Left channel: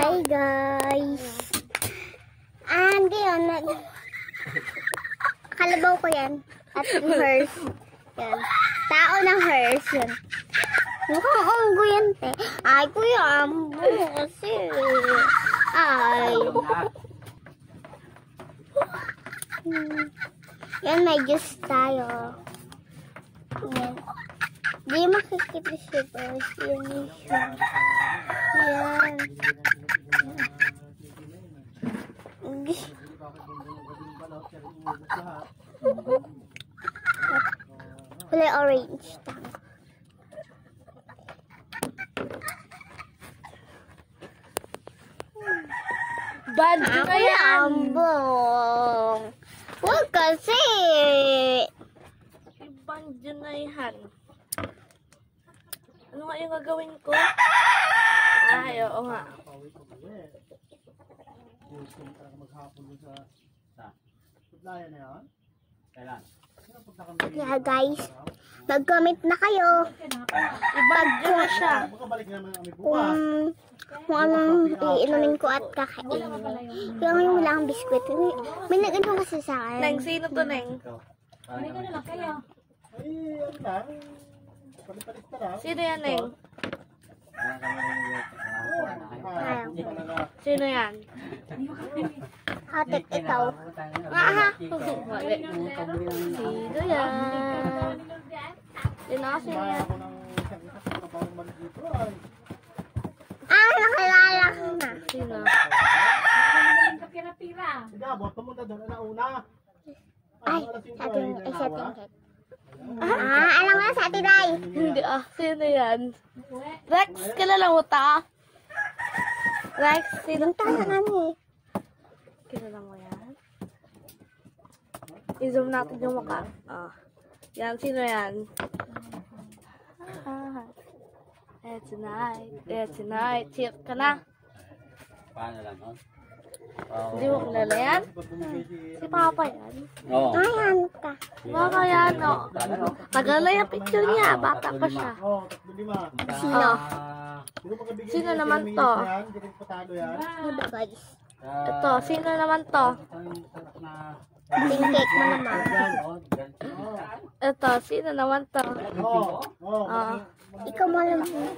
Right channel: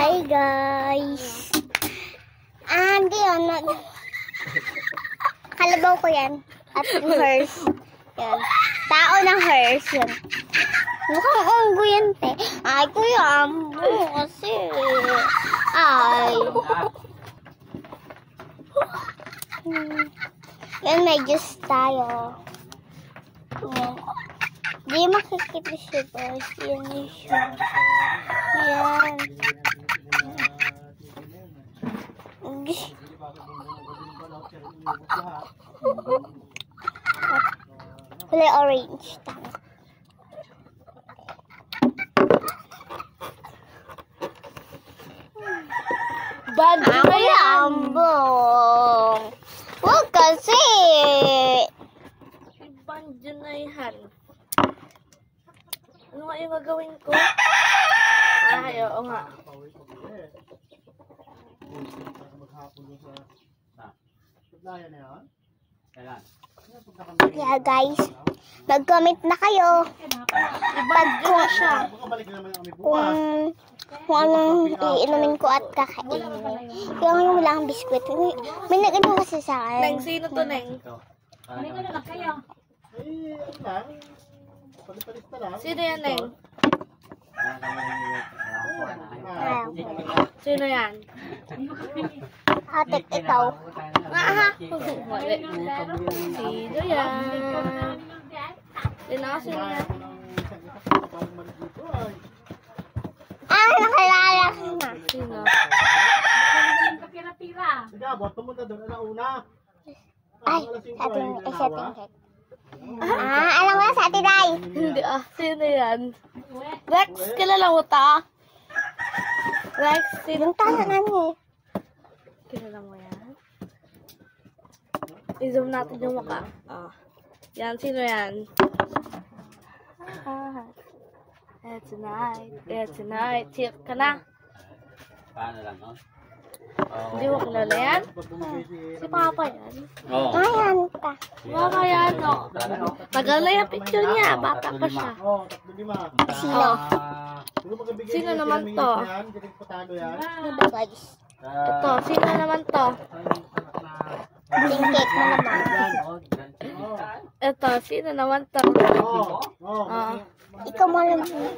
Hi guys! Ngayon, kalabaw ko yan. At yung hers. Yan. Tao ng hers. Yan. Mukhang unggo yan, te. Ay, kuya, ambo. Kasi. Ay. Yan, may juice tayo. Yan. Di makikita siya, guys. Yan siya. Yan. Kulay orange. Bad na yan! Ambong! Huwag kasi! Ibandyo na yan. Ano nga yung gagawin ko? Ay, oo nga. Kaya guys, mag-comment na kayo. Ibandyo na siya. Kung anong iinumin ko at kakainin. Yung wala akong biskwit. May nag-ano kasi sa akin. Neng, sino to, Neng? Sino yan, Neng? Sino yan? Atik ikaw. Aha! Mali. Sino yan? Sino yan? Nakilala ko na. Sino? Ay, sa ating head. Alam mo na sa ating day. Hindi sino yan? Rex, kilala mo ta? Rex, sino? Tala na niya. Kilala mo yan? I-zoom natin yung mukha. Yan, sino yan? It's night. Tip ka na. Paano lang, no? Hindi mo kilala yan? Si Papa yan. Oo. Ayan ka. Papa yan, no? Tagal na yung picture niya. Bata pa siya. Sino? Sino naman to? Diba guys? Ito, sino naman to? Tingkik mo naman. Ito, sino naman to? Ikaw mo alam mo.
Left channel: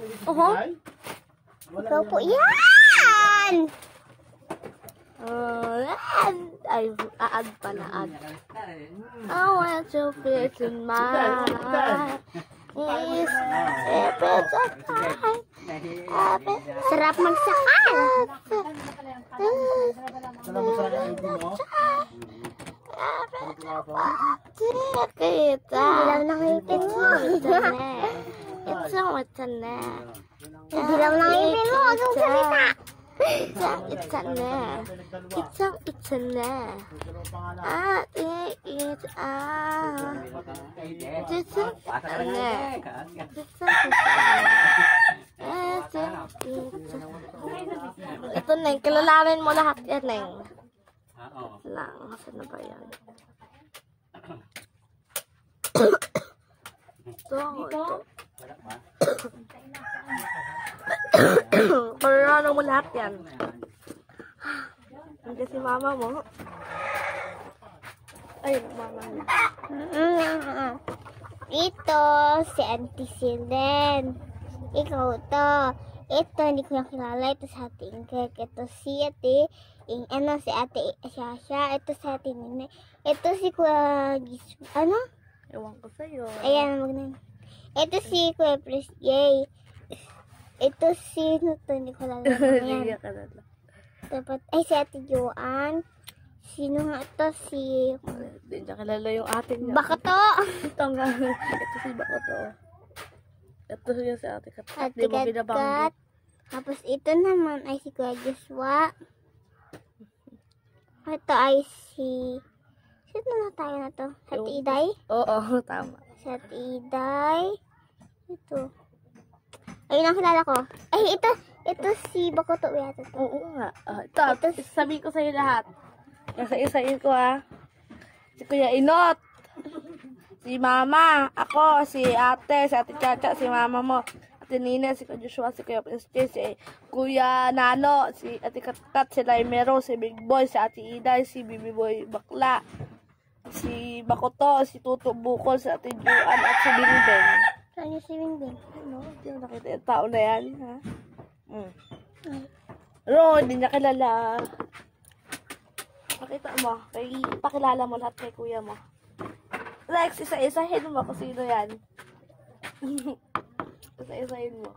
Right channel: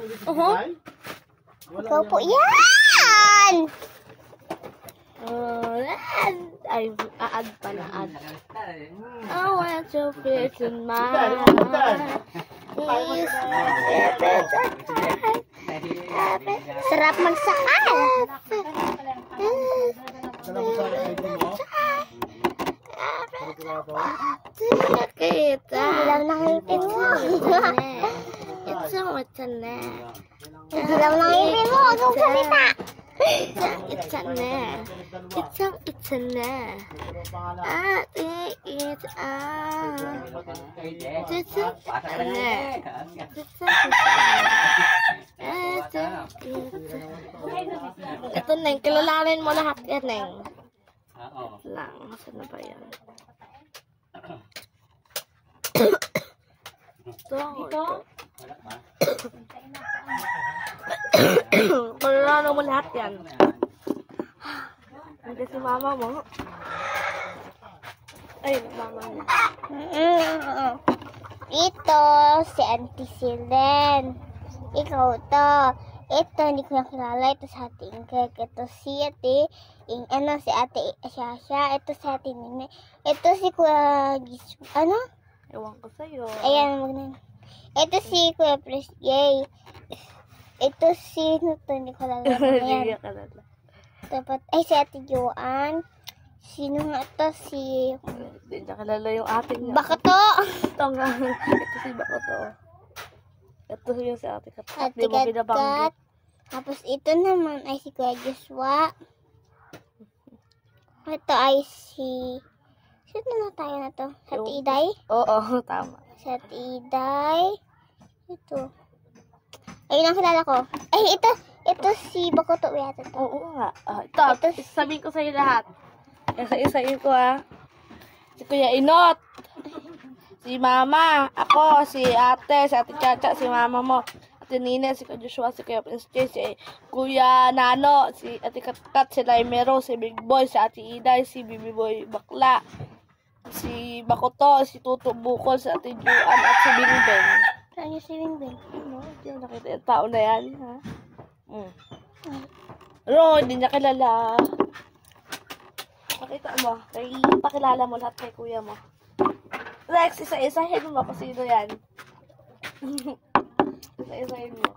Ikaw po. Yan! Ay, aad pa na aad. I want your face in mine. Please, sarap magsakal. Kita. Dilaw na ngipin mo. It's a na. Dilaw na ngipin mo. Huwag mong salita. It's a na. It's a na. Ito, Neng. Kilalanin mo lahat yan, Neng. Lang. Saan na ba yan? Ito. Kilalanin mo lahat yan. Hindi si mama mo. Ay, mama niya. Ito, si Auntie Silen. Ikaw to. Ito, hindi ko nakilala. Ito si Ate Ingrid. Ito si Ate, si Ate Shasha. Ito si Ate Nene. Ito si Kuya ano? Ewan ko sa'yo. Ayan, ito si Kuya Pres Yay. Ito si, hindi ko lala. Hindi ka lala. Dapat, si Ate Joanne. Sino nga ito? Si... Hindi niya kilala yung ate niya. Bakoto! Ito nga. Ito si Bakoto. Ito yung si Ate Kat. Ate Di mo binabanggit. Tapos ito naman ay si Kuya Joshua. Ito ay si... Sino na tayo na to? Sa Ate Iday? Oo, tama. Sa Ate Iday. Ito. Ayun ang kilala ko. Ay, ito si Bakoto. Oo nga. Ito, sabihin ko sa'yo lahat. Isa-isayin ko Si Kuya Inot. Si Mama. Ako, si Ate Chacha, si Mama mo. Ate Nina, si Kuya Joshua, si Kuya Prince Jay, si Kuya Nano, si Ate Katkat, si Laimero, si Big Boy, si Ate Iday, si Bibi Boy Bakla, si Bakoto, si Tuto Bukol, si Ate Juan, at si Bingbeng. Saan yung si Bingbing? Ano? Hindi mo nakita yung tao na yan, ha? Pero, hindi niya kilala. Makita mo, pakilala mo lahat kay kuya mo. Lex, isa-isahin mo kung sino yan. Isa-isahin mo.